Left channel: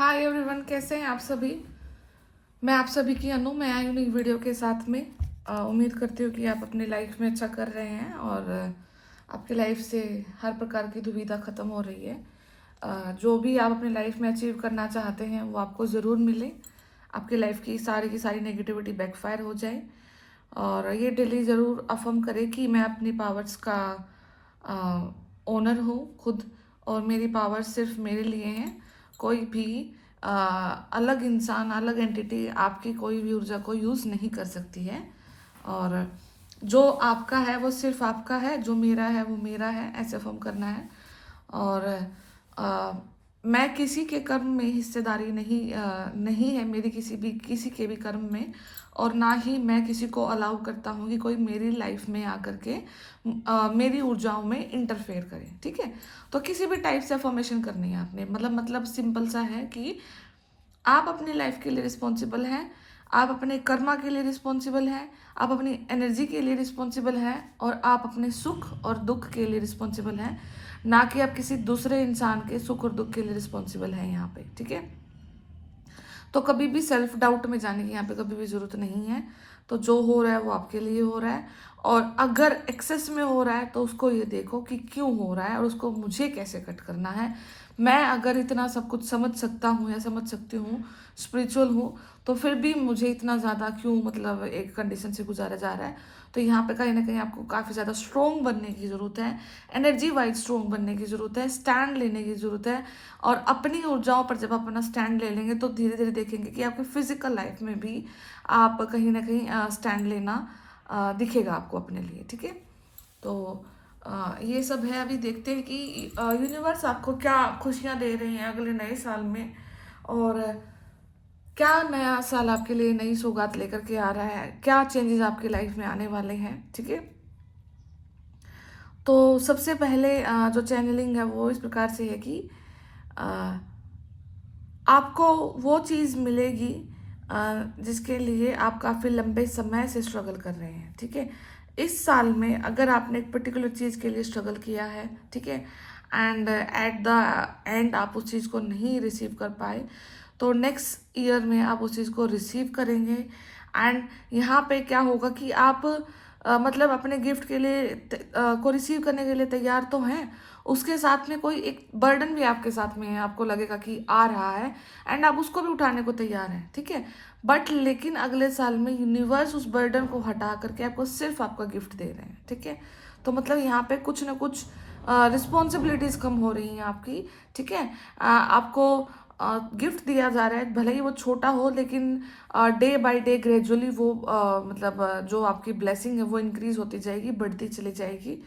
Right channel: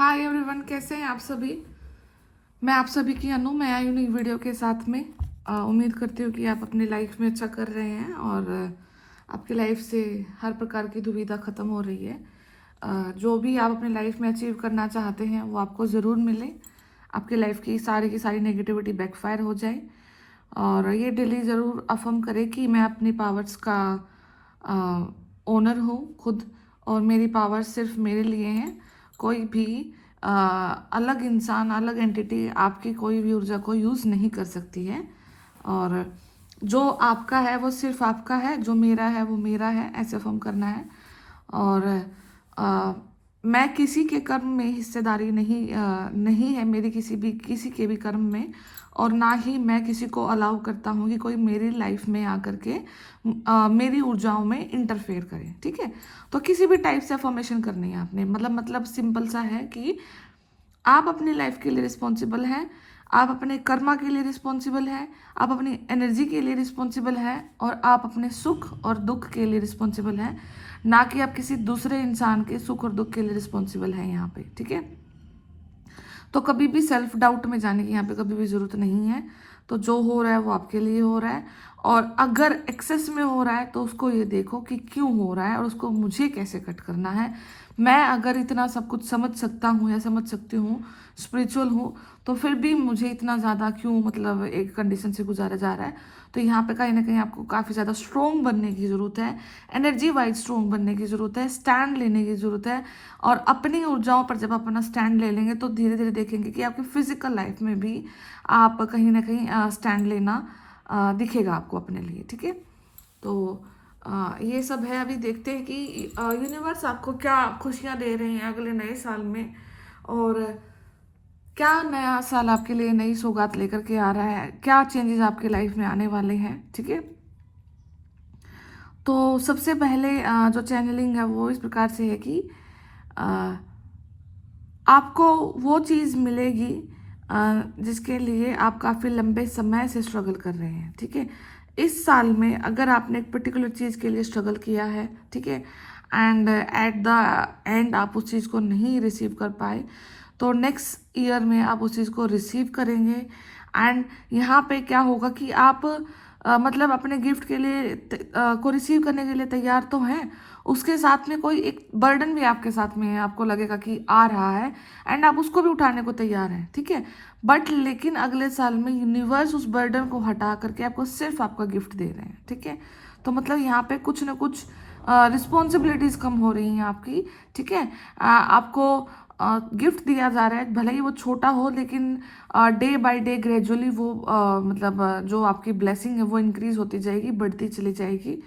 Hi everyone, कैसे हैं आप सभी। मैं आप सभी की अनु। मैं आई हूँ नई वीडियो के साथ में। उम्मीद करती हूँ कि आप अपनी लाइफ में अच्छा कर रहे हैं और आपकी लाइफ से हर प्रकार की दुविधा ख़त्म हो रही है। जो भी आप अपनी लाइफ में अचीव करना चाहते हैं वो आपको ज़रूर मिले। आपकी लाइफ की सारी नेगेटिविटी बैकफायर हो जाए। और ये डेली ज़रूर अफर्म करें कि मैं अपनी पावर्स का ओनर हूँ खुद, और मेरी पावर्स सिर्फ मेरे लिए हैं। कोई भी अ, अलग इंसान, अलग एंटिटी आपकी कोई भी ऊर्जा को यूज़ नहीं कर सकती है। और जो आपका है वो सिर्फ आपका है, जो मेरा है वो मेरा है, ऐसे फॉर्म करना है। और अ, मैं किसी के कर्म में हिस्सेदारी नहीं है मेरी, किसी के भी कर्म में। और ना ही मैं किसी को अलाउ करता हूँ कि कोई मेरी लाइफ में आकर के मेरी ऊर्जाओं में इंटरफेयर करे। ठीक है। तो किसी भी टाइप से अफर्मेशन करनी है आपने, मतलब सिंपल सा है कि आप अपनी लाइफ के लिए रिस्पॉन्सिबल हैं। आप अपने कर्मा के लिए रिस्पॉन्सिबल हैं। आप अपनी एनर्जी के लिए रिस्पॉन्सिबल हैं। और आप अपने सुख और दुख के लिए रिस्पॉन्सिबल हैं, ना कि आप किसी दूसरे इंसान के सुख और दुख के लिए रिस्पॉन्सिबल हैं यहाँ पे। ठीक है। तो कभी भी सेल्फ डाउट में जाने की यहाँ पे कभी भी ज़रूरत नहीं है। तो जो हो रहा है वो आपके लिए हो रहा है। और अगर एक्सेस में हो रहा है तो उसको ये देखो कि क्यों हो रहा है और उसको मुझे कैसे कट करना है। मैं अगर इतना सब कुछ समझ सकता हूँ या समझ सकती हूँ, स्पिरिचुअल हूँ, तो फिर भी मुझे इतना ज़्यादा क्यों मतलब एक कंडीशन से गुजारा जा रहा है। तो यहाँ पे कहीं ना कहीं आपको काफ़ी ज़्यादा स्ट्रोंग बनने की ज़रूरत है। एनर्जी वाइज स्ट्रोंग बनने की ज़रूरत है। स्टैंड लेने की ज़रूरत है। और अपनी ऊर्जाओं पर जब अपना स्टैंड ले लेंगे तो धीरे धीरे देखेंगे कि आपकी फिजिकल लाइफ में भी आप कहीं ना कहीं स्टैंड लेना दिखेगा आपको अपने लिए। ठीक है। तो ये सब है। अभी देखते हैं कि यूनिवर्स आपको क्या खुशियाँ दे रहे हैं अगले नए साल में। और क्या नया साल आपके लिए नई सौगात लेकर के आ रहा है, क्या चेंजेस आपके लाइफ में आने वाले हैं। ठीक है। तो सबसे पहले जो चैनलिंग है वो इस प्रकार से है कि अ, आपको वो चीज़ मिलेगी जिसके लिए आप काफ़ी लंबे समय से स्ट्रगल कर रहे हैं। ठीक है। इस साल में अगर आपने एक पर्टिकुलर चीज़ के लिए स्ट्रगल किया है, ठीक है, एंड एट द एंड आप उस चीज़ को नहीं रिसीव कर पाए, तो नेक्स्ट ईयर में आप उस चीज़ को रिसीव करेंगे। एंड यहाँ पे क्या होगा कि आप मतलब अपने गिफ्ट के लिए को रिसीव करने के लिए तैयार तो हैं, उसके साथ में कोई एक बर्डन भी आपके साथ में है, आपको लगेगा कि आ रहा है, एंड आप उसको भी उठाने को तैयार हैं। ठीक है। बट लेकिन अगले साल में यूनिवर्स उस बर्डन को हटा करके आपको सिर्फ आपका गिफ्ट दे रहे हैं। ठीक है। तो मतलब यहाँ पे कुछ ना कुछ रिस्पॉन्सिबिलिटीज कम हो रही हैं आपकी। ठीक है। आपको गिफ्ट दिया जा रहा है, भले ही वो छोटा हो, लेकिन डे बाय डे ग्रेजुअली वो जो आपकी ब्लेसिंग है वो इंक्रीज होती जाएगी, बढ़ती चली जाएगी।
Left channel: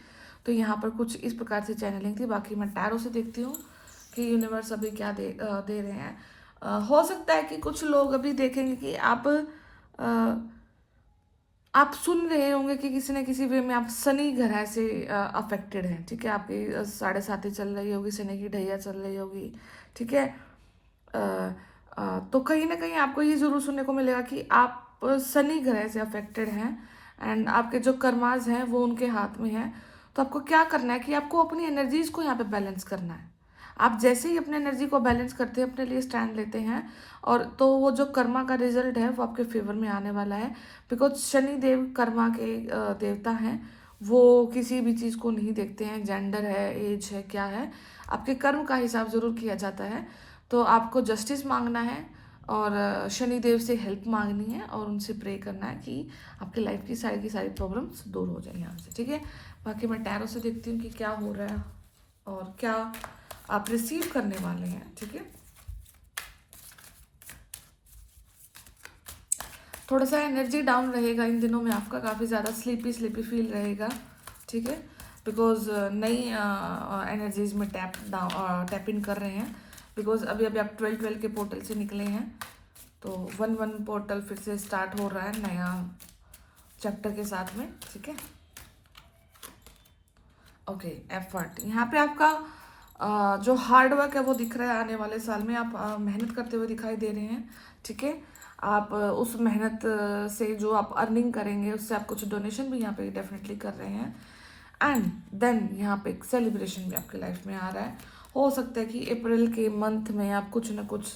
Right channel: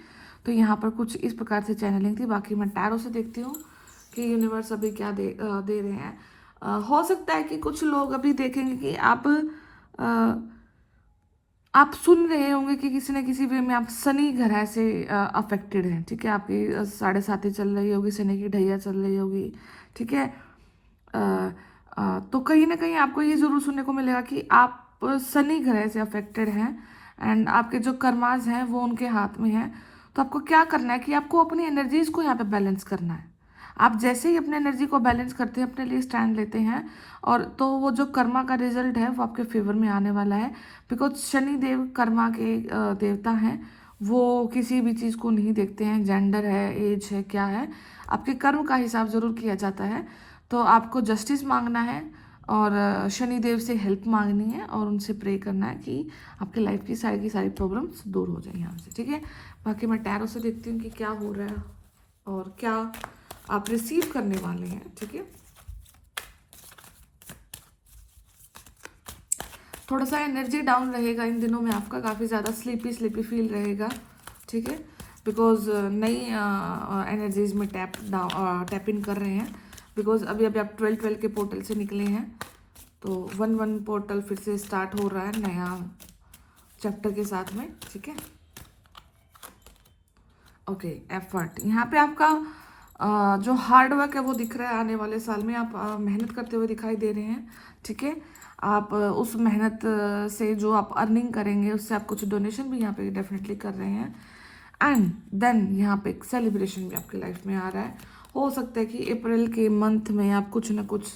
तो यहाँ पर कुछ इस प्रकार से चैनलिंग थी। बाकी मैं टैरो से देखती हूँ कि यूनिवर्स अभी क्या दे रहे हैं। हो सकता है कि कुछ लोग अभी देखेंगे कि आप सुन रहे होंगे कि किसी न किसी वे में आप शनि ग्रह से अफेक्टेड हैं। ठीक है। आपकी 7.5 चल रही होगी, शनि की ढैया चल रही होगी। ठीक है। अ, तो कहीं ना कहीं आपको ये जरूर सुनने को मिलेगा कि आप शनि ग्रह से अफेक्टेड हैं, एंड आपके जो कर्माज हैं वो उनके हाथ में हैं। तो आपको क्या करना है कि आपको अपनी एनर्जीज को यहाँ पे बैलेंस करना है। आप जैसे ही अपने एनर्जी को बैलेंस करते हैं, अपने लिए स्टैंड लेते हैं, और तो वो जो कर्मा का रिजल्ट है वो आपके फेवर में आने वाला है। बिकॉज शनि देव कर्मा के देवता हैं। वो किसी भी चीज़ को नहीं देखते हैं, जेंडर है, एज है, क्या है। आपके कर्म का हिसाब जरूर किया जाता है। तो आपको जस्टिस मांगना है, और शनि देव से हेल्प मांगनी है, और उनसे प्रे करना है कि आपकी लाइफ की सारी प्रॉब्लम्स दूर हो जाए यहाँ से। ठीक है। बाकी मैं टैरो से देखती हूँ कि क्या हो रहा है और क्या आप रिसीव करने वाले हैं। ठीक है। थोड़ा सा एनर्जी डाउन रहेगा इन दिनों में आपका, काफ़ी ज़्यादा स्लीपी स्लीपी फील रहेगा। ठीक है। बिकॉज नई एनर्जीज में टैप इन कर रहे हैं। बिकॉज अभी अभी आप 12 के पोर्टल से निकले हैं, तो 1 पोर्टल फिर से स्टार्ट हो रहा है नया चैप्टर के साथ में। ठीक है। ओके। एफर्ट यहाँ पे आपका जो हार्ड वर्क है वो दिख रहा है। आने वाले साल में आप मेहनत करते हुए दिखाई दे रहे हैं। ठीक है। आप उस मेहनत से जो आप अर्निंग करेंगे उससे आप कुछ डोनेशन भी यहाँ पे डेफिनेटली कर रहे हैं। एंड देन यहाँ पे एक सेलिब्रेशन भी आपकी लाइफ में आ रहा है। हो सकता है कि अप्रैल के मंथ में आप कुछ ना कुछ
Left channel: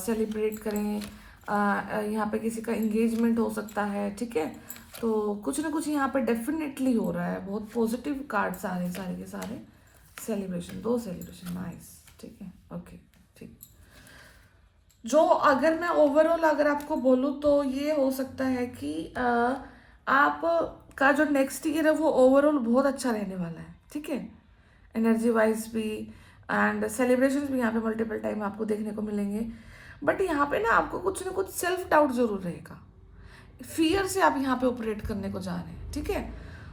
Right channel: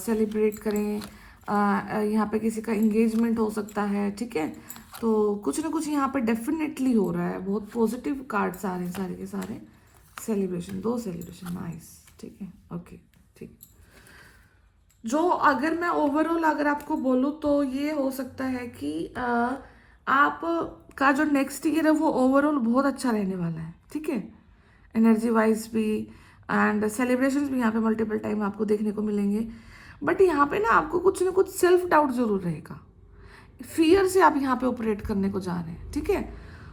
सेलिब्रेट करें। यहाँ पे किसी का एंगेजमेंट हो सकता है, ठीक है। तो कुछ ना कुछ यहाँ पे डेफिनेटली हो रहा है। बहुत पॉजिटिव कार्ड्स आ रहे हैं सारे के सारे। सेलिब्रेशन, 2 सेलिब्रेशन, नाइस, ठीक है, ओके, ठीक। जो अगर मैं ओवरऑल अगर आपको बोलूँ तो ये हो सकता है कि आप का जो नेक्स्ट ईयर है वो ओवरऑल बहुत अच्छा रहने वाला है, ठीक है। एनर्जी वाइज भी एंड सेलिब्रेशन भी यहाँ पे मल्टीपल टाइम आपको देखने को मिलेंगे। बट यहाँ पे ना आपको कुछ ना कुछ सेल्फ डाउट जरूर रहेगा। फियर से आप यहाँ पे ऑपरेट करने को जा रहे हैं, ठीक है।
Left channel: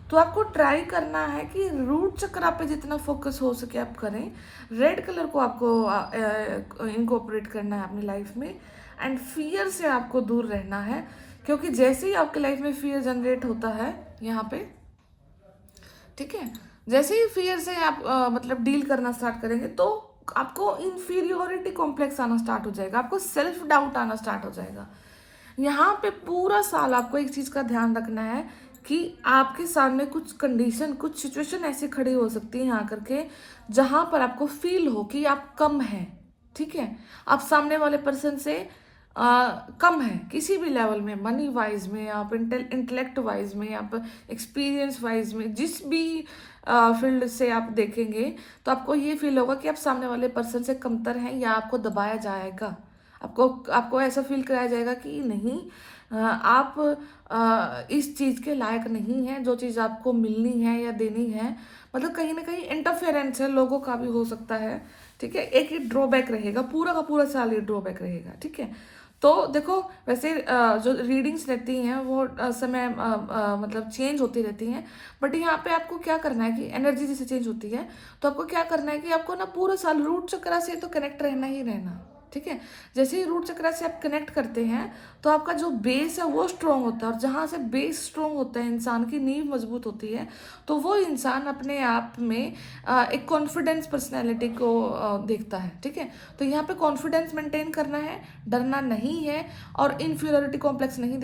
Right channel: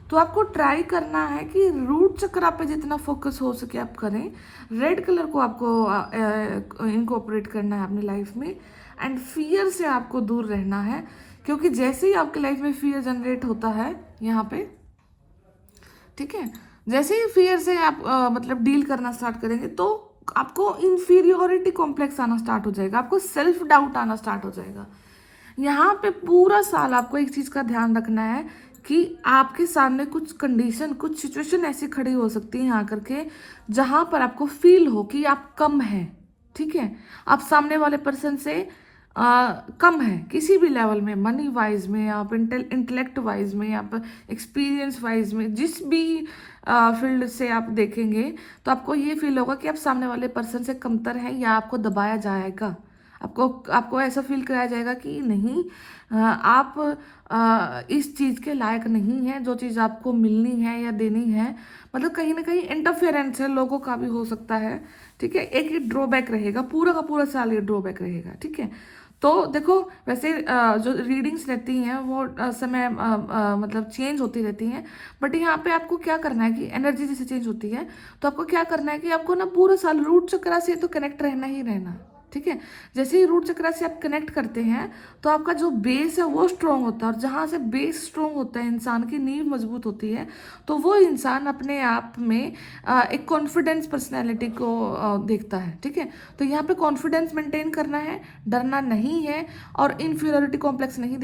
तो आपको ट्राई करना है कि रूट चक्र पे जितना फोकस हो सके आप करें। रेड कलर को आपको इनकॉर्पोरेट करना है अपनी लाइफ में एंड फियर से आपको दूर रहना है, क्योंकि जैसे ही आपके लाइफ में फियर जनरेट होता है यहाँ पे, ठीक है, जैसे ही फियर से आप मतलब डील करना स्टार्ट करेंगे तो आपको इन्फीरियोरिटी कॉम्प्लेक्स आना स्टार्ट हो जाएगा, आपको सेल्फ डाउट आना स्टार्ट हो जाएगा। यहाँ पे पूरा साल आपको एक चीज का ध्यान रखना है कि आपके सामने कुछ कंडीशन, कुछ सिचुएशन ऐसे खड़ी हो सकती है यहाँ करके जहां पर आपको फील हो कि आप कम हैं, ठीक है। आप सामने वाले पर्सन से कम है किसी भी लेवल में, मनी वाइज में, आप इंटेलेक्ट वाइज में, आप एक्सपीरियंस वाइज में, जिस भी फील्ड से आप देखेंगे तो आपको ये फील होगा कि आप सामने वाले पर्सन से कमतर हैं या आपको दबाया जाएगा। आपको आपको ऐसा फील कराया जाएगा कि नहीं, आप इस चीज़ के लायक नहीं है, जो चीज़ आपको मिलनी है या देनी है। मतलब कहीं ना कहीं इंटरफेरेंस है लोगों का भी हो सकता है, ठीक है। एक ड्रॉबैक रहेगा, पूरा का पूरा साल ये ड्रॉबैक रहेगा, ठीक है। तो देखो वैसे जो रीडिंग्स रहती हैं वो समय मतलब चेंज होती रहती हैं। बट यहाँ पे आपको क्या करना है कि एनर्जी जैसे चेंज होती है तो आपको क्या करना है कि आपको ना पूरे साल रूट चक्र से तो कनेक्ट रहना ही रहना, ठीक है। जैसे ही रूट चक्र से आप कनेक्ट करते हैं तो आपका जो बेस है वो स्ट्रांग होता है, और जहाँ से बेस स्ट्रांग होता है, इंसान की नींव मजबूत होती है, तो वो इंसान अपने आप में एक कॉन्फिडेंस पर्सनैलिटी को देखता है, ठीक है। तो यहाँ पे कॉन्फिडेंस मेंटेन करना है, डरना नहीं है, और इन्फीरियोरिटी कॉम्प्लेक्स नहीं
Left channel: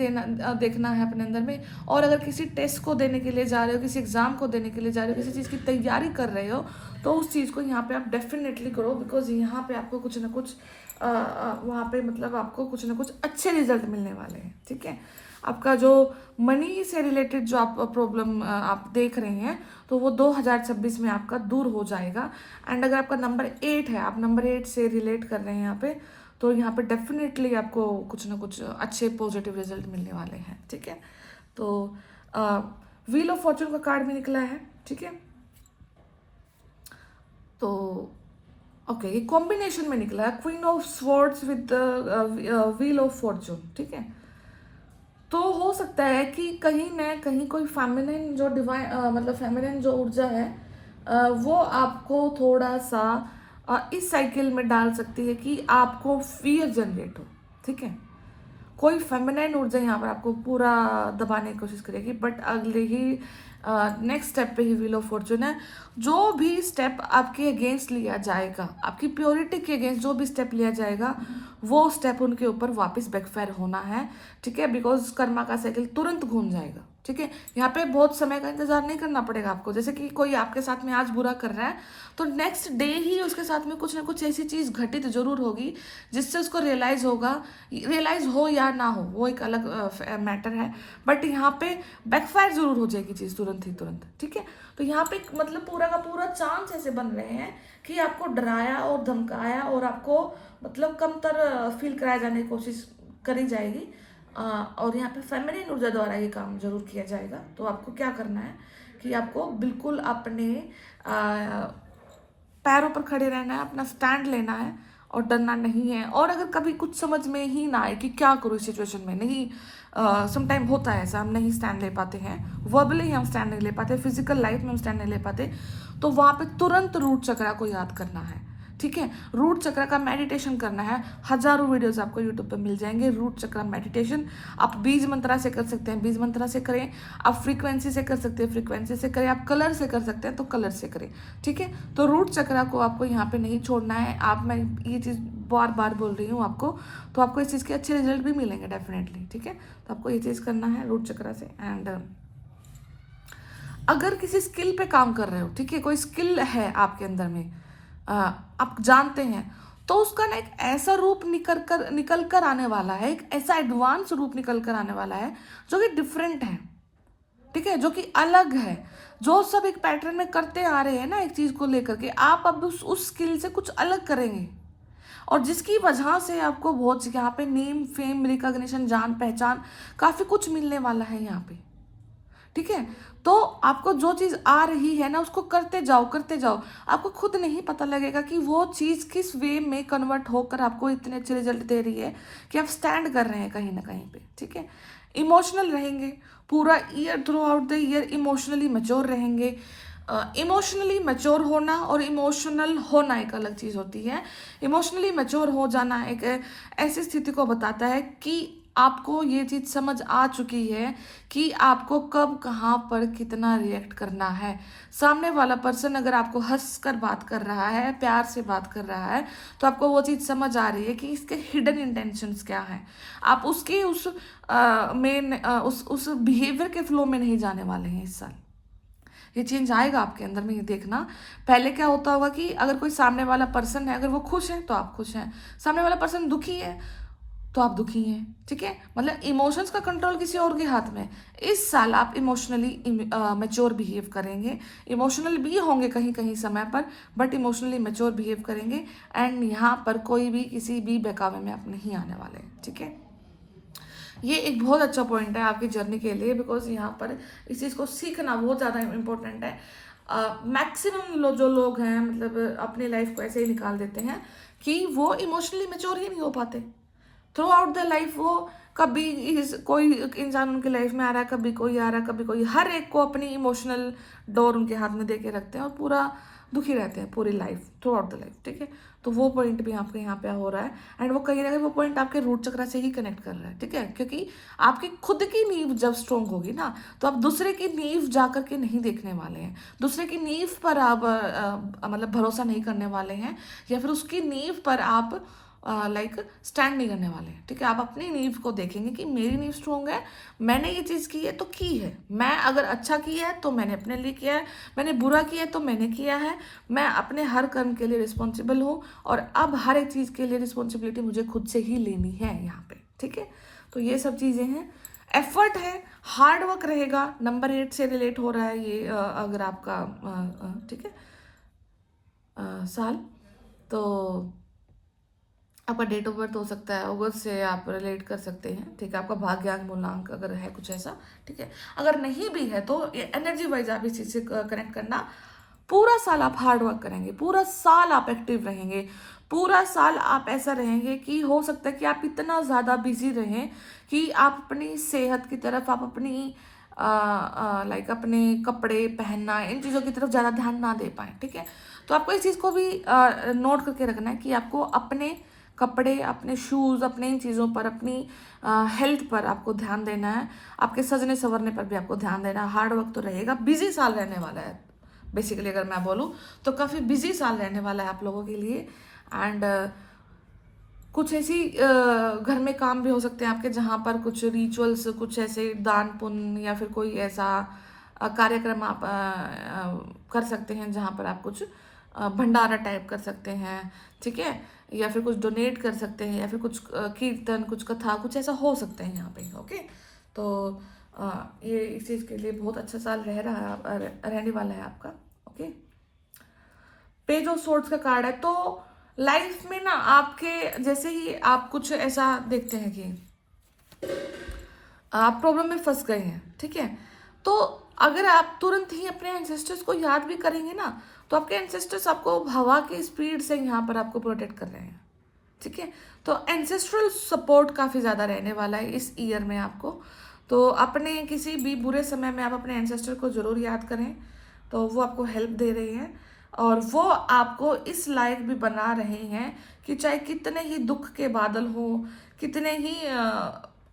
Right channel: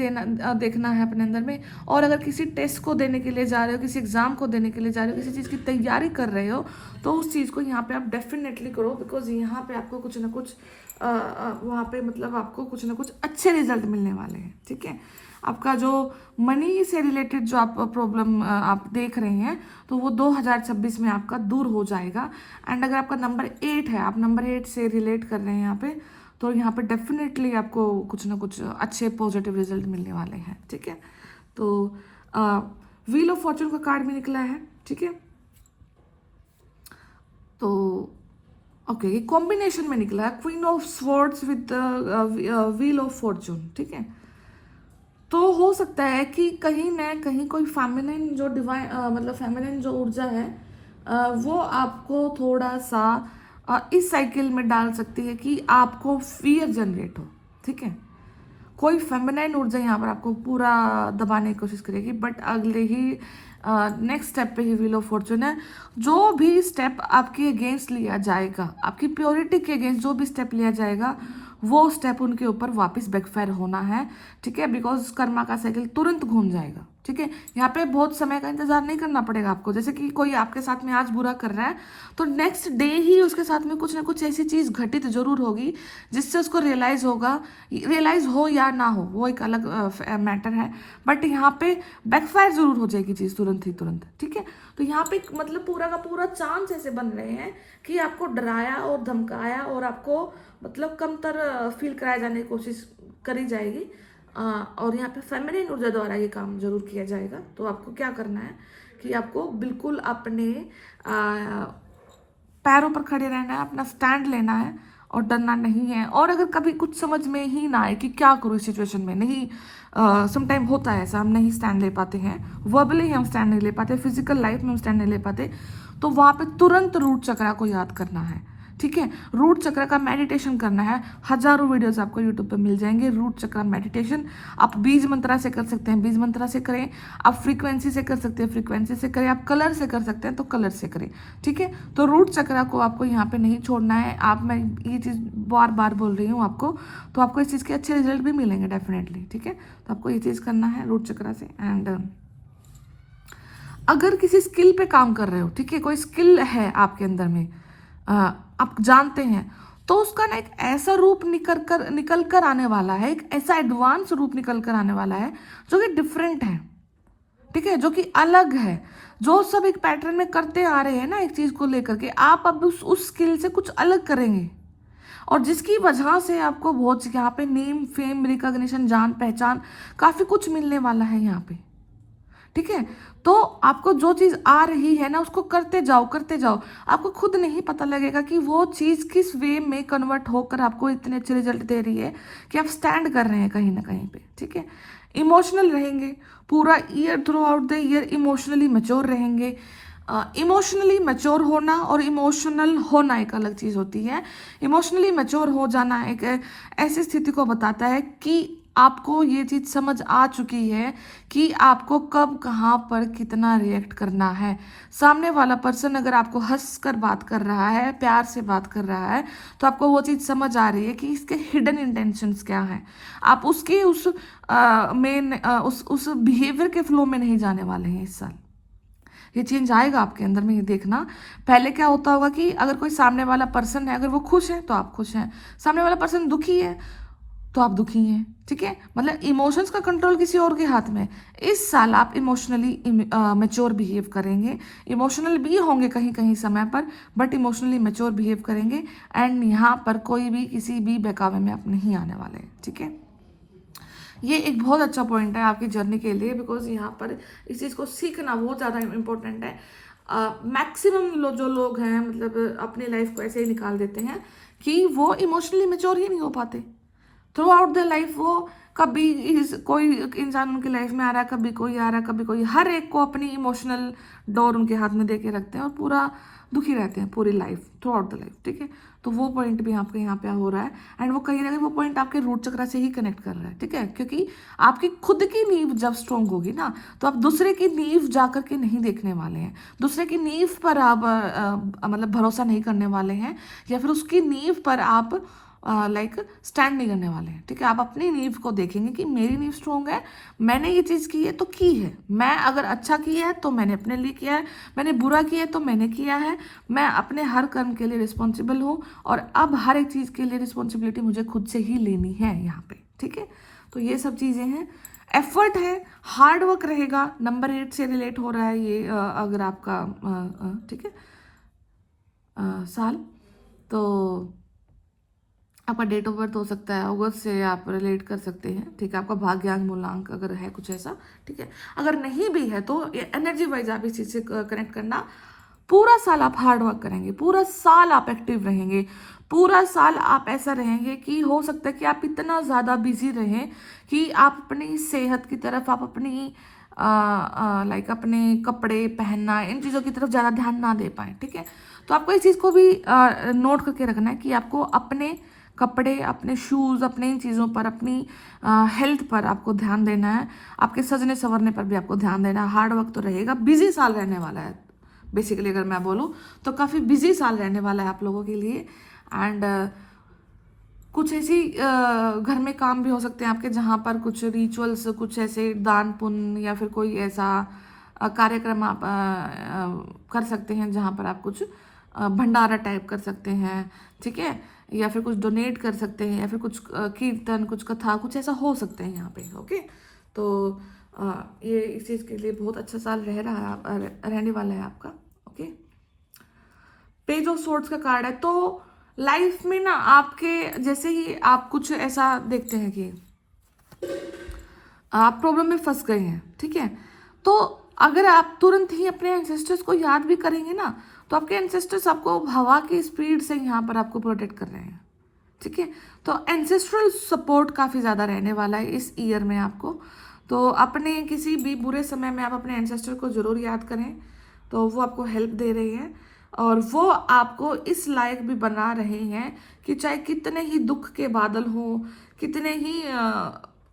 देखना है अपने अंदर में। और अगर किसी टेस्ट को देने के लिए जा रहे हो, किसी एग्जाम को देने के लिए जा रहे हो, किसी चीज़ की तैयारी कर रहे हो, तो उस चीज़ को यहाँ पे आप डेफिनेटली करो, बिकॉज यहाँ पे आपको कुछ ना कुछ वहाँ पे मतलब आपको कुछ ना कुछ अच्छे रिजल्ट मिलने वाले हैं, ठीक है। आपका जो मनी से रिलेटेड जो आप प्रॉब्लम आप देख रहे हैं तो वो 2026 में आपका दूर हो जाएगा। एंड अगर आपका नंबर 8 है, आप नंबर 8 से रिलेट कर रहे हैं यहाँ पे, तो यहाँ पे डेफिनेटली आपको कुछ ना कुछ अच्छे पॉजिटिव रिजल्ट मिलने वाले हैं, ठीक है। तो व्हील ऑफ फॉर्चून का कार्ड भी निकला है, ठीक है। तो ओके, ये कॉम्बिनेशन में निकला है, queen of swords with wheel of Fortune, ठीक है। तो हो सकता है कि कहीं ना कहीं कोई फेमिनिन जो डिवाइन मतलब फेमिनिन जो ऊर्जा है वो आपको थोड़ा सा इस साइकिल में डाल सकती है कि आपको फियर जनरेट हो, ठीक है। कोई फेमिनाइन ऊर्जा यहाँ पर आपको पूरा दबाने की कोशिश करेगी, बट अगले ही नेक्स्ट स्टेप पे ही व्हील ऑफ फॉर्चून है। जो भी स्टेप आपके अगेंस्ट लिया जाएगा, आपकी प्योरिटी के अगेंस्ट जो भी स्टेप लिया जाएगा, वो स्टेप उनके ऊपर वापस बैकफायर होना है, ठीक है। बिकॉज कर्मा का साइकिल तुरंत घूम जाएगा, ठीक है। यहाँ पे बहुत समय का इंतजार नहीं करना पड़ेगा आपको। जैसे कि कोई आपके साथ में आज बुरा कर रहा है तो नेक्स्ट डे ही उसके साथ में कुछ ना कुछ ऐसी चीज घटित जरूर होगी जिससे उसको रियलाइज होगा, रियलाइज हो या ना हो वो एक अलग मैटर है, बट यहाँ पे बैकफायर जरूर हो जाएगी चीज तुरंत ही तुरंत, ठीक है। तो यहाँ पे मतलब पूरा का पूरा चांस ऐसे बन रहे हैं कि आपको डराया और धमकाया और आपको मतलब कमतर फील कराया जाने की कोशिश करी जाएगी। और यहाँ पे फेमिनिन ऊर्जा द्वारा ये काम जरूर किया जाएगा। तो आपको क्या करना है कि आपको बिल्कुल अपने पैरों पर खड़े रहना है, अपना स्टैंड लेना है और डरना नहीं है। और अगर कभी कुछ समझ में ही ना आए कि क्या करूँ इस सिचुएशन में, नहीं समटाइम होता है ऐसा, हम नहीं स्टैंड ले पाते हैं, वर्बली हम स्टैंड नहीं ले पाते, फिजिकल लाइफ में हम स्टैंड नहीं ले पाते, तो वहाँ पे तुरंत रूट चक्र को याद करना है, ठीक है। रूट चक्र का मेडिटेशन करना है। हजारों वीडियोस आपको यूट्यूब पे मिल जाएंगे रूट चक्र मेडिटेशन। आप बीज मंत्रा से कर सकते हैं, बीज मंत्रा से करें, आप फ्रीक्वेंसी से कर सकते हैं, फ्रीक्वेंसी से करें, आप कलर से कर सकते हैं तो कलर से करें, ठीक है। तो रूट चक्र को आपको यहाँ पे नहीं छोड़ना है। आप, मैं ये चीज़ बार बार बोल रही हूँ आपको, तो आपको इस चीज़ के अच्छे रिजल्ट भी मिलेंगे डेफिनेटली, ठीक है। तो आपको ये चीज़ करना है रूट चक्र से। एंड अगर किसी स्किल पे काम कर रहे हो, ठीक है, कोई स्किल है आपके अंदर में, आप जानते हैं, तो उसका ना एक ऐसा रूप निकल कर आने वाला है, एक ऐसा एडवांस रूप निकल कर आने वाला है जो कि डिफरेंट है, ठीक है, जो कि अलग है। जो सब एक पैटर्न में करते आ रहे हैं ना एक चीज को लेकर के, आप अब उस स्किल से कुछ अलग करेंगे, और जिसकी वजह से आपको बहुत यहाँ पे नेम फेम रिकॉग्निशन जान पहचान काफी कुछ मिलने वाला है यहाँ पे, ठीक है। तो आपको जो चीज आ रही है ना उसको करते जाओ करते जाओ, आपको खुद नहीं पता लगेगा कि वो चीज किस वे में कन्वर्ट होकर आपको इतने अच्छे रिजल्ट दे रही है कि आप स्टैंड कर रहे हैं कहीं ना कहीं पे, ठीक है। इमोशनल रहेंगे पूरा year, through out the year emotionally mature रहेंगे। इमोशनली मैच्योर होना और इमोशनल होना एक अलग चीज होती है। इमोशनली मैच्योर हो जाना एक ऐसी स्थिति को बताता है कि आपको ये चीज समझ आ चुकी है कि आपको कब कहाँ पर कितना रिएक्ट करना है। सामने वाला पर्सन अगर आपको हंस कर बात कर रहा है, प्यार से बात कर रहा है, तो आपको वो चीज समझ आ रही है कि इसके हिडन इंटेंशंस क्या हैं। आप उसके उस बिहेवियर के फ्लो में नहीं जाने वाले हैं इस साल। ये चेंज आएगा आपके अंदर में, ये देखना। पहले क्या होता होगा कि अगर कोई सामने वाला पर्सन है, अगर वो खुश है तो आप खुश हैं, सामने वाला पर्सन दुखी है तो आप दुखी हैं, ठीक है। मतलब इमोशंस का कंट्रोल किसी और के हाथ में। इस साल आप इमोशनली मैच्योर बिहेव करेंगे, इमोशनल भी होंगे कहीं कहीं समय पर, बट इमोशनली मैच्योर बिहेव करेंगे। एंड यहाँ पर कोई भी किसी भी बहकावे में आप नहीं आने वाले, ठीक है। ये एक बहुत अच्छा पॉइंट है आपकी जर्नी के लिए, बिकॉज यहाँ पर इस चीज़ को सीखना बहुत ज़्यादा इम्पोर्टेंट है। मैक्सिमम जो लोग हैं मतलब अपनी लाइफ को ऐसे ही निकाल देते हैं कि वो इमोशनली मेच्योर ही नहीं हो पाते थ्रू आउट द लाइफ। वो कभी कोई इंसान उनकी लाइफ में आ रहा है, कभी कोई आ रहा है, कभी कोई, हर एक को अपनी इमोशनल डोर उनके हाथ में दे के रखते हैं और पूरा दुखी रहते हैं पूरी life, through out the life, ठीक है। तो वो पॉइंट भी आपके यहाँ पे हो रहा है, एंड वो कहीं ना कहीं वो पॉइंट आपके रूट चक्र से ही कनेक्ट कर रहा है, ठीक है। क्योंकि आपकी खुद की नींव जब स्ट्रांग होगी ना, तो आप दूसरे की नींव जा करके नहीं देखने वाले हैं, दूसरे की नींव पर आप मतलब भरोसा नहीं करने वाले हैं, या फिर उसकी नींव पर आप लाइक स्टैंड नहीं करने वाले हैं, ठीक है। आप अपनी नींव को देखेंगे कि मेरी नींव स्ट्रॉन्ग है, मैंने ये चीज़ की है तो की है, मैं अगर अच्छा किया है तो मैंने अपने लिए किया है, मैंने बुरा किया है तो मैंने किया है, मैं अपने हर कर्म के लिए रिस्पॉन्सिबल हूँ, और अब हर एक चीज़ के लिए रिस्पॉन्सिबिलिटी मुझे खुद से ही लेनी है यहाँ पे, ठीक है। तो ये सब चीज़ें हैं, एफर्ट है, हार्ड वर्क रहेगा। नंबर 8 से रिलेट हो रहा है ये, अगर आपका ठीक है साल, तो आपका डेट ऑफ बर्थ हो सकता है अगस्त से आप रिलेट कर सकते हैं, ठीक है। आपका भाग्यांक मूलांक अगर है कुछ ऐसा, ठीक है। अगर नहीं भी है तो एनर्जी वाइज आप इस चीज से कनेक्ट करना। पूरा साल आप हार्ड वर्क करेंगे, पूरा साल आप एक्टिव रहेंगे, पूरा साल आप ऐसा रहेंगे कि हो सकता है कि आप इतना ज़्यादा बिजी रहें कि आप अपनी सेहत की तरफ, आप अपनी लाइक अपने कपड़े पहनना, इन चीज़ों की तरफ ज़्यादा ध्यान ना दे पाए, ठीक है। तो आपको इस चीज़ को भी नोट करके रखना है कि आपको अपने कपड़े, अपने शूज़, अपने इन चीज़ों पर, अपनी हेल्थ पर आपको ध्यान देना है, आपके सजने संवरने पर भी आपको ध्यान देना है। हार्ड वर्क तो रहेगा, बिजी साल रहने वाला है बेसिकली, अगर मैं बोलूँ तो काफ़ी बिजी साल रहने वाला है आप लोगों के लिए। एंड कुछ ऐसी घर में काम भी हो सकते हैं आपके जहाँ पर कुछ रिचुअल्स, कुछ ऐसे दान पुण्य या फिर कोई ऐसा कार्यक्रम आप कर सकते हैं जहाँ पर आप कुछ भंडारा टाइप कर सकते हैं, ठीक है, या फिर कुछ डोनेट कर सकते हैं, या फिर कुछ कीर्तन, कुछ कथा, कुछ ऐसा हो सकता है यहाँ पे, ओके। तो ये इस चीज़ के लिए बहुत अच्छा साल रहने वाला है आपका, ओके। पेज ऑफ सोर्ड्स का कार्ड है, तो लाइफ में ना आपके जैसे ही आप कुछ ऐसा देखते हैं कि आप प्रॉब्लम में फंस गए हैं, ठीक है, तो अगर आप तुरंत ही अपने एंसेस्टर्स को याद भी करेंगे ना, तो आपके एंसेस्टर्स आपको हवा की स्पीड से यहाँ पर आपको प्रोटेक्ट कर रहे हैं, ठीक है। तो एंसेस्ट्रल सपोर्ट काफ़ी ज़्यादा रहने वाला है इस ईयर में आपको। तो अपने किसी भी बुरे समय में आप अपने एंसेस्टर को ज़रूर याद करें, तो वो आपको हेल्प दे रहे हैं, और वो आपको इस लायक भी बना रहे हैं कि चाहे कितने ही दुख के बादल हो, कितने ही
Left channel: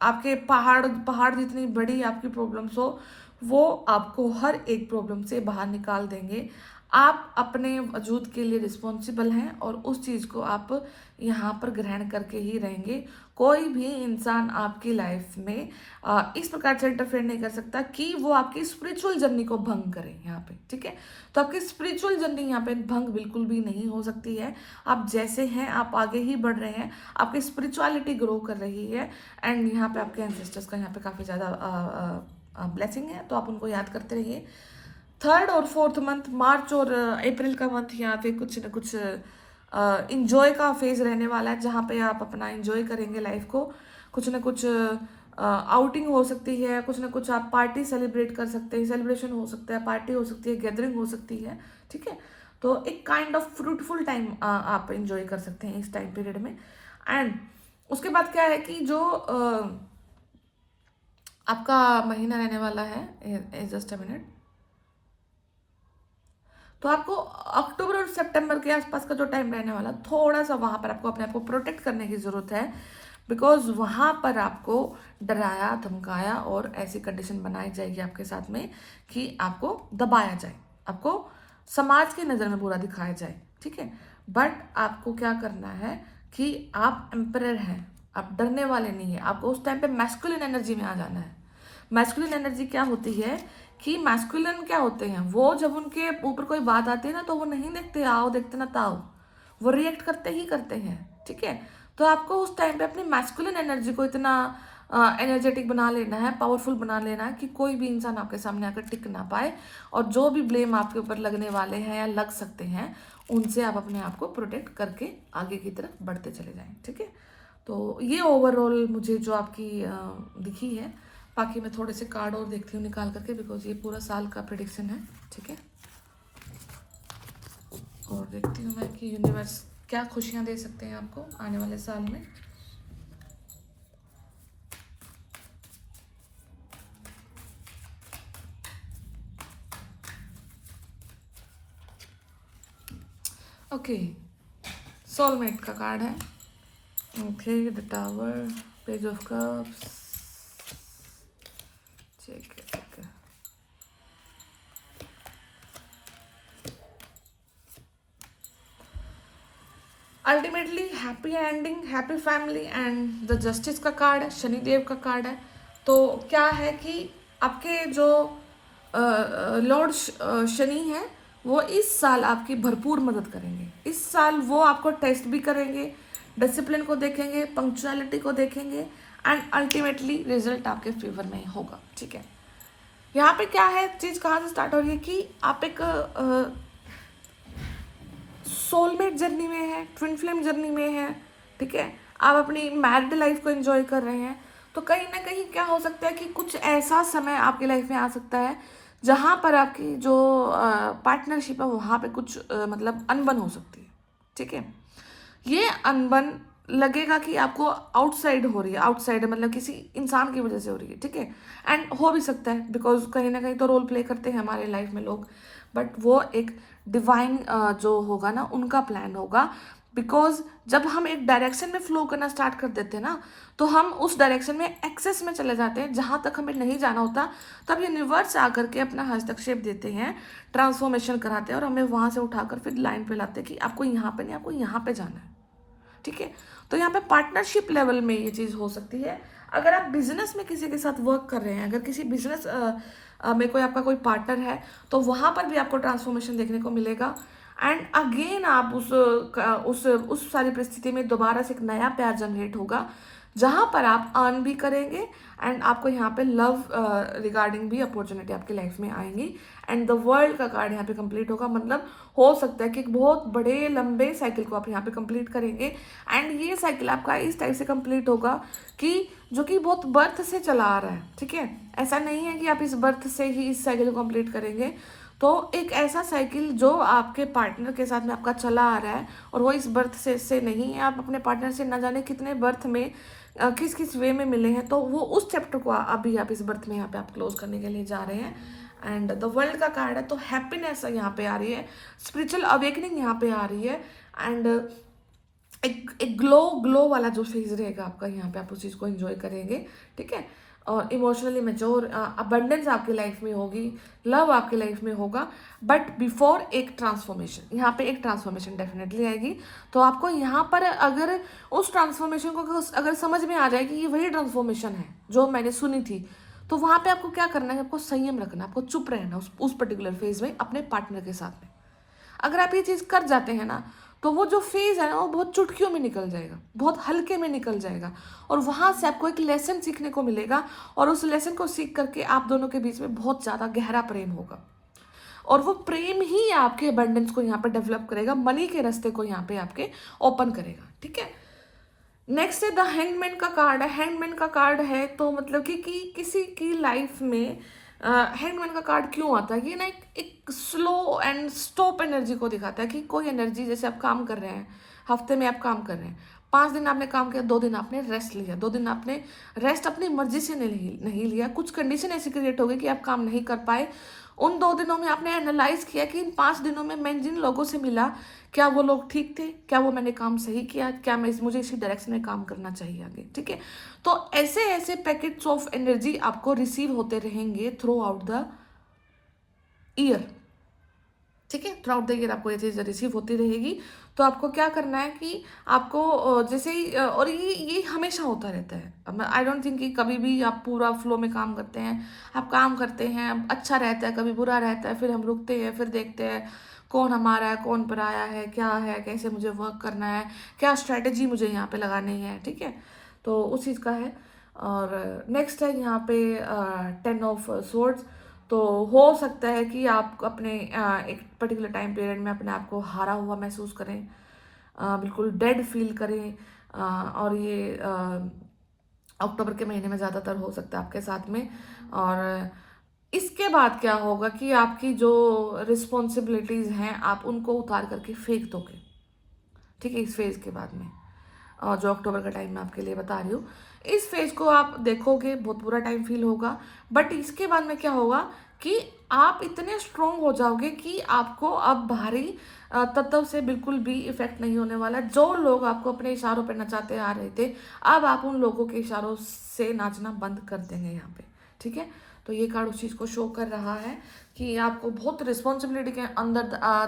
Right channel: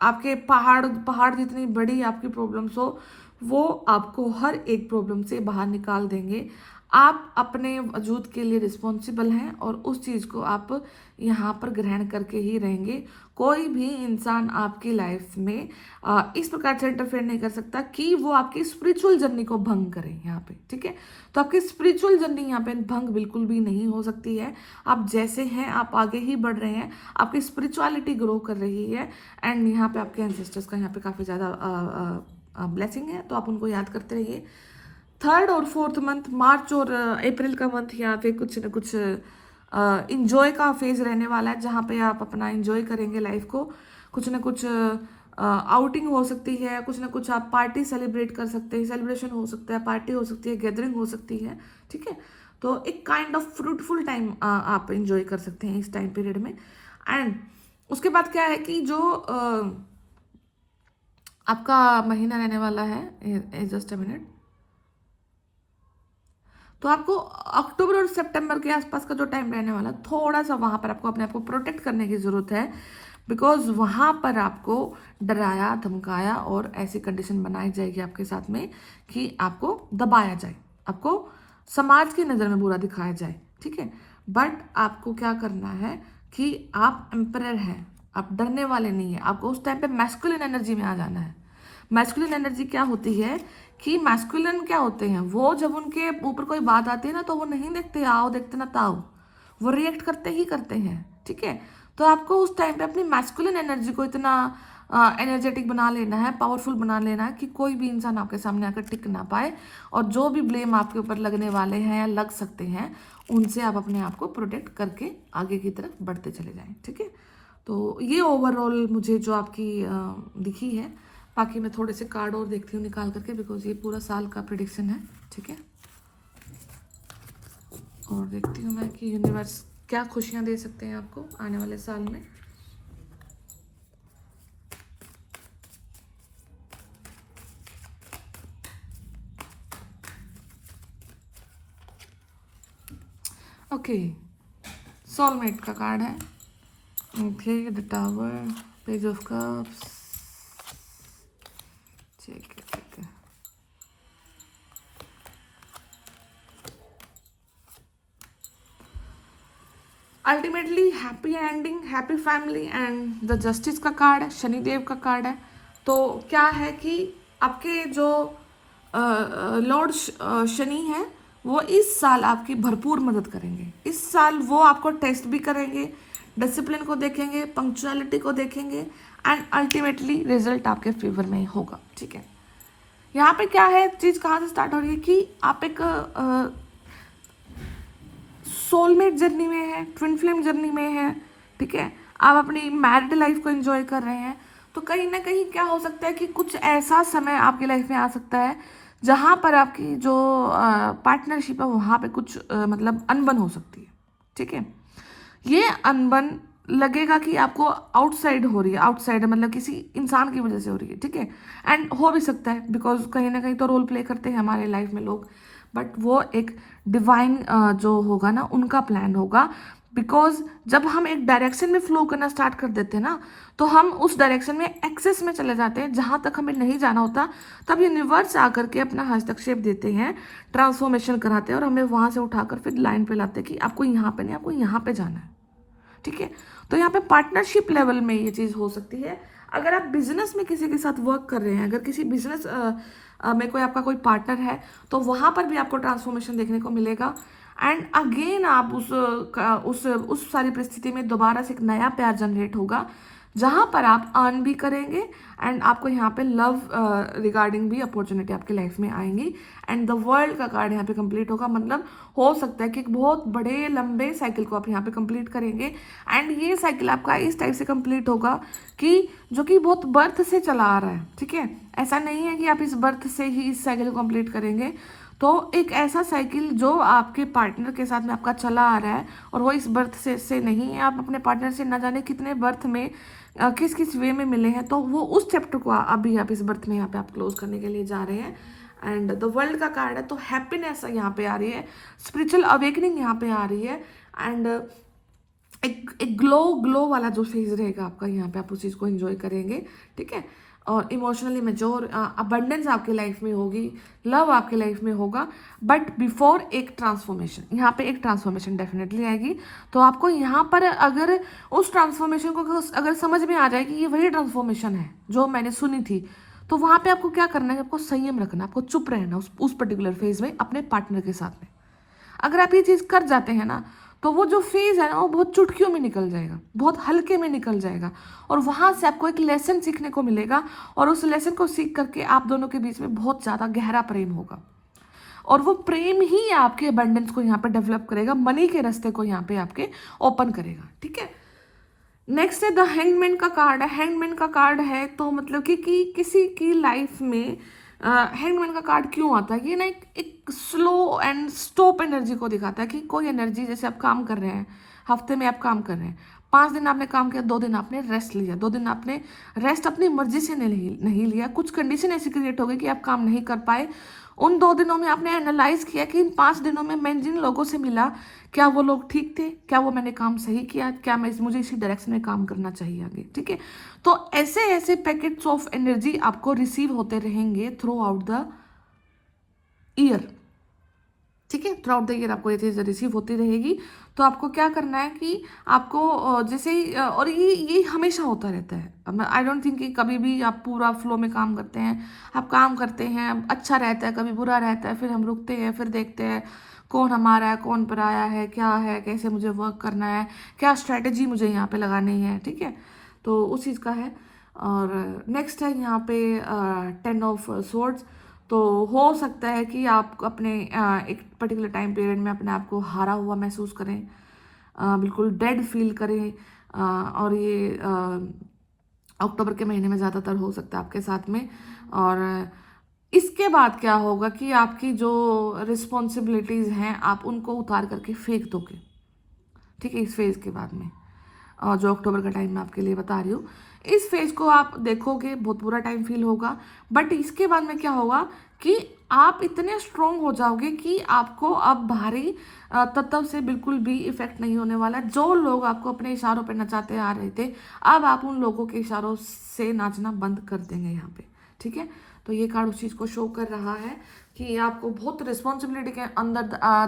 आपके पहाड़ जितनी बड़ी आपकी प्रॉब्लम्स हो, वो आपको हर एक प्रॉब्लम से बाहर निकाल देंगे। आप अपने वजूद के लिए रिस्पॉन्सिबल हैं और उस चीज़ को आप यहाँ पर ग्रहण करके ही रहेंगे। कोई भी इंसान आपकी लाइफ में इस प्रकार से इंटरफेयर नहीं कर सकता कि वो आपकी स्पिरिचुअल जर्नी को भंग करे यहाँ पे, ठीक है। तो आपकी स्पिरिचुअल जर्नी यहाँ पे भंग बिल्कुल भी नहीं हो सकती है। आप जैसे हैं आप आगे ही बढ़ रहे हैं, आपकी स्पिरिचुअलिटी ग्रो कर रही है एंड यहाँ पे आपके एंसेस्टर्स का यहाँ पे काफ़ी ज़्यादा ब्लेसिंग है, तो आप उनको याद करते रहिए। थर्ड और फोर्थ मंथ, मार्च और अप्रैल का मंथ यहाँ पे कुछ न कुछ इंजॉय का फेज रहने वाला है, जहाँ पे आप अपना इंजॉय करेंगे लाइफ को। कुछ न कुछ आउटिंग हो सकती है, कुछ न कुछ आप पार्टी सेलिब्रेट कर सकते हैं, सेलिब्रेशन हो सकता है, पार्टी हो सकती है, गैदरिंग हो सकती है, ठीक है। तो एक काइंड ऑफ फ्रूटफुल टाइम आप इंजॉय कर सकते हैं इस टाइम पीरियड में। एंड उसके बाद क्या है कि जो आपका महीना रहने वाला है, जस्ट अ मिनट, तो आपको अक्टूबर और सितंबर के आसपास का जो टाइम रहने वाला, थोड़ा सा वहां पर आपको अपने आप को प्रोटेक्ट करने की जरूरत है। बिकॉज वहां पर आपको डराया धमकाया और ऐसी कंडीशन बनाई जाएगी आपके साथ में कि आपको दबाया जाए, आपको समाज की नज़र में बुरा दिखाया जाए, ठीक है। बट आपको क्या करना है कि आप एम्परर हैं, आप डरने वाले नहीं है। आपको उस टाइम पे मैस्कुलिन एनर्जी में आ जाना है। मैस्कुलिन एनर्जी क्या होती है कि मैस्कुलिन क्या होते हैं, वो जब उनके ऊपर कोई बात आती है ना, तो वो नहीं देखते आओ देखते ना ताओ, वो रिएक्ट करते ही करते हैं, ठीक है। तो आपको उस टाइम पे अपनी मैस्कुलिन एनर्जी को इतना एनर्जेटिक बना लेना है, पावरफुल बना लेना है कि कोई भी इंसान आपके सामने आकर टिक ना पाए, और जो भी ब्लेम आपके ऊपर लगने वाले हैं या लग सकते हैं, उनसे आप अपने आप को प्रोटेक्ट करके आगे की तरफ बढ़ते चले जाएं, ठीक है। तो ये ओवरऑल मुझे जो आपकी दिखी है। बाकी मैं थोड़े से कार्ड और देखती हूँ निकाल करके, बिकॉज ये पूरा साल का प्रेडिक्शन है, ठीक है। और देखती हूँ मैं कि यूनिवर्स क्या खुशियाँ दे सकते हैं आपको आने वाले साल में। ओके, सोलमेट का कार्ड है, okay, the tower, page of cups, ठीक है ठीक है। Ultimately happy ending, happy family and the justice का कार्ड है, शनिदेव का कार्ड है। तो क्या है कि आपके जो लॉर्ड शनि है वो इस साल आपकी भरपूर मदद करेंगे। इस साल वो आपको टेस्ट भी करेंगे, डिसिप्लिन को देखेंगे, पंक्चुअलिटी को देखेंगे एंड अल्टीमेटली रिजल्ट आपके फेवर में होगा, ठीक है। यहाँ पे क्या है, चीज कहाँ से स्टार्ट हो रही है कि आप एक सोलमेट जर्नी में है, ट्विन फ्लेम जर्नी में है, ठीक है। आप अपनी मैरिड लाइफ को एंजॉय कर रहे हैं, तो कहीं ना कहीं क्या हो सकता है कि कुछ ऐसा समय आपकी लाइफ में आ सकता है जहां पर आपकी जो पार्टनरशिप है वहां पे कुछ मतलब अनबन हो सकती है, ठीक है। ये अनबन लगेगा कि आपको आउटसाइड हो रही है, आउटसाइड मतलब किसी इंसान की वजह से हो रही है, ठीक है। एंड हो भी सकता है बिकॉज कहीं ना कहीं तो रोल प्ले करते हैं हमारे लाइफ में लोग, बट वो एक डिवाइन जो होगा ना उनका प्लान होगा। बिकॉज जब हम एक डायरेक्शन में फ्लो करना स्टार्ट कर देते हैं ना, तो हम उस डायरेक्शन में एक्सेस में चले जाते हैं जहां तक हमें नहीं जाना होता। तब यूनिवर्स आकर के अपना हस्तक्षेप देते हैं, ट्रांसफॉर्मेशन कराते हैं और हमें वहां से उठाकर फिर लाइन पे लाते हैं कि आपको यहाँ पे नहीं, आपको यहाँ पे जाना है, ठीक है। तो यहाँ पे पार्टनरशिप लेवल में ये चीज़ हो सकती है। अगर आप बिजनेस में किसी के साथ वर्क कर रहे हैं, अगर किसी बिजनेस में कोई आपका कोई पार्टनर है, तो वहाँ पर भी आपको ट्रांसफॉर्मेशन देखने को मिलेगा। एंड अगेन आप उस सारी परिस्थिति में दोबारा से एक नया प्यार जनरेट होगा, जहाँ पर आप अर्न भी करेंगे एंड आपको यहाँ पे लव रिगार्डिंग भी अपॉर्चुनिटी आपकी लाइफ में आएंगी। एंड द वर्ल्ड का कार्ड यहाँ पे कंप्लीट होगा, मतलब हो सकता है कि एक बहुत बड़े लंबे साइकिल को आप यहाँ पे कंप्लीट करेंगे। एंड ये साइकिल आपका इस टाइप से कंप्लीट होगा कि जो कि बहुत बर्थ से चला आ रहा है, ठीक है। ऐसा नहीं है कि आप इस बर्थ से ही इस साइकिल को कंप्लीट करेंगे, तो एक ऐसा साइकिल जो आपके पार्टनर के साथ में आपका चला आ रहा है और वो इस बर्थ से नहीं है, आप अपने पार्टनर से ना जाने कितने बर्थ में किस किस वे में मिले हैं, तो वो उस चैप्टर को अभी आप इस बर्थ में यहाँ पे आप क्लोज करने के लिए जा रहे हैं। एंड द वर्ल्ड का कार्ड है, तो हैप्पीनेस यहाँ पे आ रही है, स्पिरिचुअल अवेकनिंग यहाँ पे आ रही है। एंड एक ग्लो वाला जो फेज रहेगा आपका यहाँ पे, आप उस चीज़ को एंजॉय करेंगे, ठीक है। और इमोशनली मेच्योर, अबंडेंस आपके लाइफ में होगी, लव आपके लाइफ में होगा। बट बिफोर एक ट्रांसफॉर्मेशन, यहाँ पे एक ट्रांसफॉर्मेशन डेफिनेटली आएगी। तो आपको यहाँ पर अगर उस ट्रांसफॉर्मेशन को अगर समझ में आ जाए कि ये वही ट्रांसफॉर्मेशन है जो मैंने सुनी थी, तो वहाँ पे आपको क्या करना है, आपको संयम रखना, आपको चुप रहना उस पर्टिकुलर फेज में अपने पार्टनर के साथ में। अगर आप ये चीज़ कर जाते हैं ना, तो वो जो फेज है ना वो बहुत चुटकियों में निकल जाएगा, बहुत हल्के में निकल जाएगा, और वहां से आपको एक लेसन सीखने को मिलेगा, और उस लेसन को सीख करके आप दोनों के बीच में बहुत ज़्यादा गहरा प्रेम होगा, और वो प्रेम ही आपके अबंडेंस को यहाँ पे डेवलप करेगा, मनी के रास्ते को यहाँ पे आपके ओपन करेगा। ठीक है, नेक्स्ट है द हैंगमैन का कार्ड है। हैंगमैन का कार्ड है तो मतलब कि किसी की लाइफ में हैंगमैन का कार्ड क्यों आता है, ये ना एक स्लो एंड स्टॉप एनर्जी को दिखाता है कि कोई एनर्जी, जैसे आप काम कर रहे हैं, हफ्ते में आप काम कर रहे हैं, 5 दिन आपने काम किया, 2 दिन आपने रेस्ट लिया, 2 दिन आपने रेस्ट अपनी मर्जी से नहीं लिया, कुछ कंडीशन ऐसी क्रिएट हो गई कि आप काम नहीं कर पाए। उन 2 दिनों में आपने एनालाइज किया कि इन 5 दिनों में मैं जिन लोगों से मिला, क्या वो लोग ठीक थे, क्या वो मैंने काम सही किया, क्या मुझे इसी डायरेक्शन में काम करना चाहिए आगे। ठीक है, तो ऐसे ऐसे पैकेट्स ऑफ एनर्जी आपको रिसीव होते रहेंगे थ्रू आउट द ईयर। ठीक है, थ्रू आउट द ईयर आपको ये चीज़ रिसीव होती रहेगी। तो आपको क्या करना है कि आपको जैसे ही और ये हमेशा होता रहता है। आई डोंट थिंक कि कभी भी आप पूरा फ्लो में काम करते हैं, आप काम करते हैं, अच्छा रहता है, कभी बुरा रहता है, फिर हम रुकते हैं, फिर देखते हैं कौन हमारा है, कौन पराया है, क्या है, कैसे मुझे वर्क करना है, क्या स्ट्रैटेजी मुझे यहाँ पे लगानी है। ठीक है, तो उस चीज़ का है। और नेक्स्ट है यहाँ पे 10 ऑफ सोर्ड्स। तो हो सकता है कि आप अपने एक पर्टिकुलर टाइम पीरियड में अपने आप को हारा हुआ महसूस करें, बिल्कुल डेड फील करें, और ये अक्टूबर के महीने में ज़्यादातर हो सकता है आपके साथ में। और इसके बाद क्या होगा कि आपकी जो रिस्पॉन्सिबिलिटीज़ हैं आप उनको उतार करके फेंक दोगे। ठीक है, इस फेज़ के बाद में, और जो अक्टूबर का टाइम मैं आपके लिए बता रही हूँ, इस फेज को आप देखोगे, बहुत बुरा टाइम फील होगा। बट इसके बाद में क्या होगा कि आप इतने स्ट्रोंग हो जाओगे कि आपको अब बाहरी तत्व से बिल्कुल भी इफेक्ट नहीं होने वाला। जो लोग आपको अपने इशारों पे नचाते आ रहे थे, अब आप उन लोगों के इशारों से नाचना बंद कर देंगे यहाँ पे। ठीक है, तो ये कार्ड उस चीज़ को शो कर रहा है कि आपको बहुत रिस्पॉन्सिबिलिटी के अंदर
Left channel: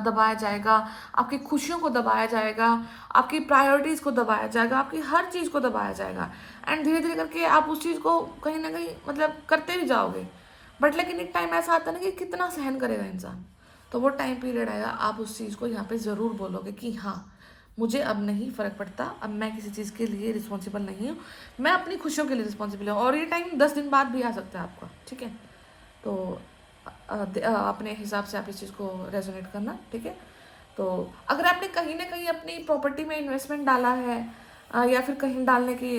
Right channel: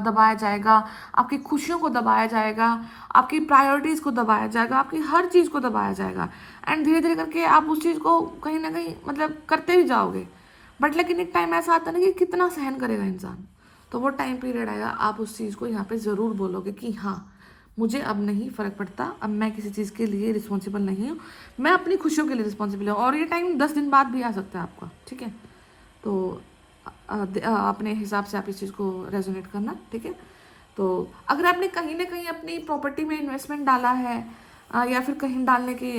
दबाया जाएगा, आपकी खुशियों को दबाया जाएगा, आपकी प्रायोरिटीज़ को दबाया जाएगा, आपकी हर चीज़ को दबाया जाएगा। एंड धीरे धीरे करके आप उस चीज़ को कहीं ना कहीं मतलब करते भी जाओगे। बट लेकिन एक टाइम ऐसा आता है ना कि कितना सहन करेगा इंसान, तो वो टाइम पीरियड आएगा, आप उस चीज़ को यहाँ पे ज़रूर बोलोगे कि हाँ, मुझे अब नहीं फ़र्क पड़ता, अब मैं किसी चीज़ के लिए रिस्पॉन्सिबल नहीं हूँ, मैं अपनी खुशियों के लिए रिस्पॉन्सिबल हूँ। और ये टाइम 10 दिन बाद भी आ सकता है आपका। ठीक है, तो अपने हिसाब से आप इस चीज़ को रेजोनेट करना। ठीक है, तो अगर आपने कहीं ना कहीं अपनी प्रॉपर्टी में इन्वेस्टमेंट डाला है, या फिर कहीं डालने की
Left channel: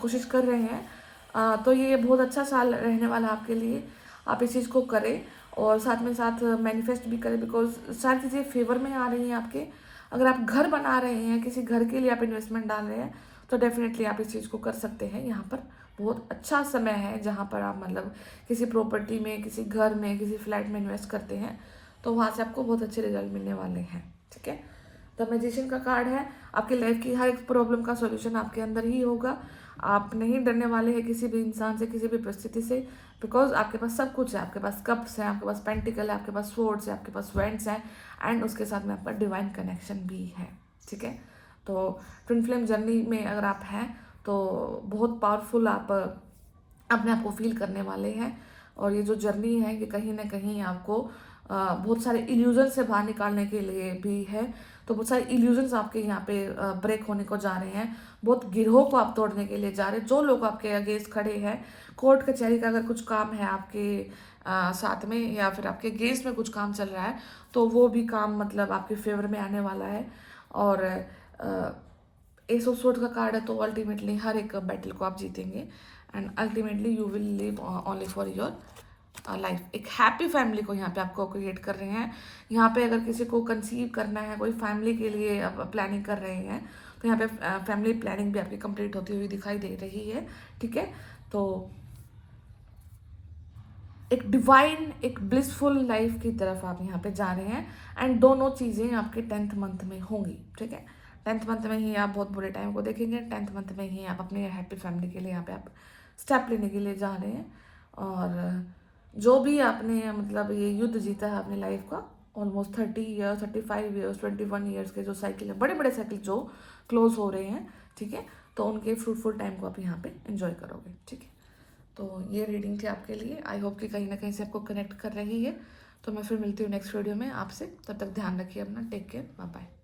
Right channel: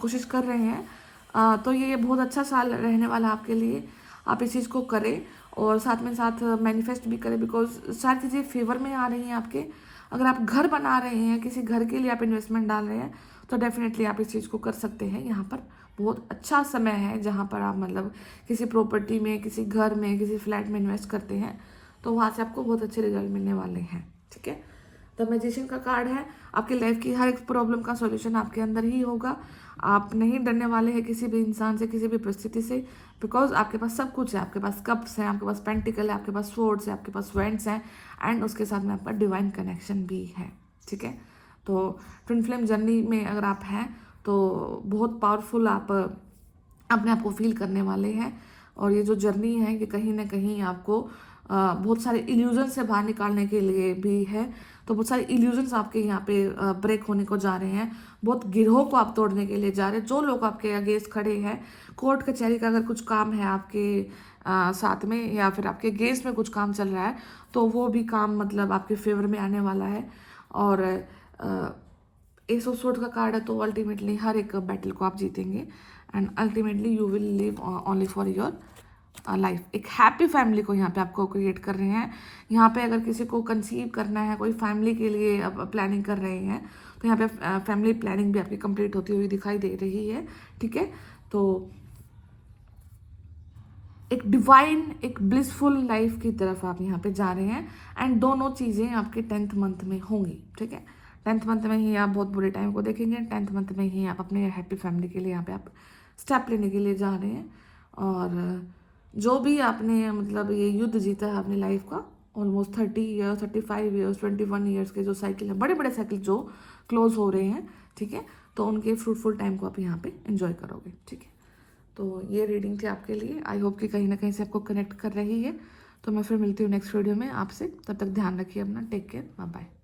कोशिश कर रहे हैं, तो ये बहुत अच्छा साल रहने वाला है आपके लिए। आप इस चीज़ को करें और साथ में साथ मैनिफेस्ट भी करें, बिकॉज सारी चीज़ें फेवर में आ रही हैं आपके। अगर आप घर बना रहे हैं, किसी घर के लिए आप इन्वेस्टमेंट डाल रहे हैं, तो डेफिनेटली आप इस चीज़ को कर सकते हैं। यहाँ पर बहुत अच्छा समय है जहाँ पर आप मतलब किसी प्रॉपर्टी में, किसी घर में, किसी फ्लैट में इन्वेस्ट करते हैं, तो वहाँ से आपको बहुत अच्छे रिजल्ट मिलने वाले हैं। ठीक है, द मैजिशियन का कार्ड है, आपकी लाइफ की हर एक प्रॉब्लम का सॉल्यूशन आपके अंदर ही होगा। आप नहीं डरने वाले हैं किसी भी इंसान से, किसी भी परिस्थिति से, बिकॉज आपके पास सब कुछ है। आपके पास कप्स हैं, आपके पास पेंटिकल है, आपके पास स्वॉर्ड्स है, आपके पास वेंट्स हैं, एंड उसके साथ में आपका डिवाइन कनेक्शन भी है। ठीक है, तो ट्विन फ्लेम जर्नी में अगर आप हैं तो बहुत पावरफुल आप अपने आप को फील करने वाले हैं। और ये जो जर्नी है ये कहीं ना कहीं आपको बहुत सारे इल्यूजन से बाहर निकालने के लिए भी है। तो बहुत सारे इल्यूजन्स आपके यहाँ पे ब्रेक होने को जा रहे हैं, बहुत गिरोह को आप तोड़ने के लिए जा रहे हैं। जो लोग आपके अगेंस्ट खड़े हैं, कोर्ट कचहरी का अगर कुछ काम है आपके साथ में, या फिर आपके अगेंस्ट में कुछ काम चल रहा है, तो वो भी काम मतलब आपके फेवर में आने वाला है। और एस ऑफ सोर्ड्स का कार्ड है, तो अल्टीमेटली हर एक बैटल को आप जीतेंगे, and ultimately you will live only for your life. एक हैप्पी फैमिली को यहाँ पे आपको क्रिएट कर रहे हैं। यहाँ पे अगर किसी को कंसीव करना है, कोई फैमिली के लिए प्लानिंग कर रहे हैं, तो यहाँ पे फैमिली प्लानिंग भी आपकी कंप्लीट होती हुई दिखाई दे रही है। ठीक है, तो एक डिवाइन, एक ब्लिसफुल लाइफ की तरफ आप यहाँ पे जा रहे हैं, एंड दोनों चीज़ें आपके 10th मंथ में होंगी। ठीक है, 10th मंथ में ही आप बहुत बुरे टाइम को देखेंगे, 10th मंथ में ही आप अपने हैप्पी फैमिली के लिए यहाँ पे आप स्टेप लेने के लिए जा रहे हैं। और जो भी आपने मतलब ये युद्ध जीता है अपनी लाइफ का, ऑलमोस्ट 30 ईयर्स, 35 ईयर्स, 21 ईयर्स के जो साइकिल है, बड़े बड़े साइकिल जो क्लोज हो रहे हैं, ठीक है, तो उनके फ्रूटफुल टाइम को आप यहाँ पे एंजॉय करोगे, ठीक है। तो ये रीडिंग थी आपके लिए। आई होप कि कहीं ना कहीं से आपको कनेक्ट कर रही है। तो मैं फिर मिलती हूँ नेक्स्ट वीडियो में आपसे। तब तक ध्यान रखिए अपना। Take care, bye bye.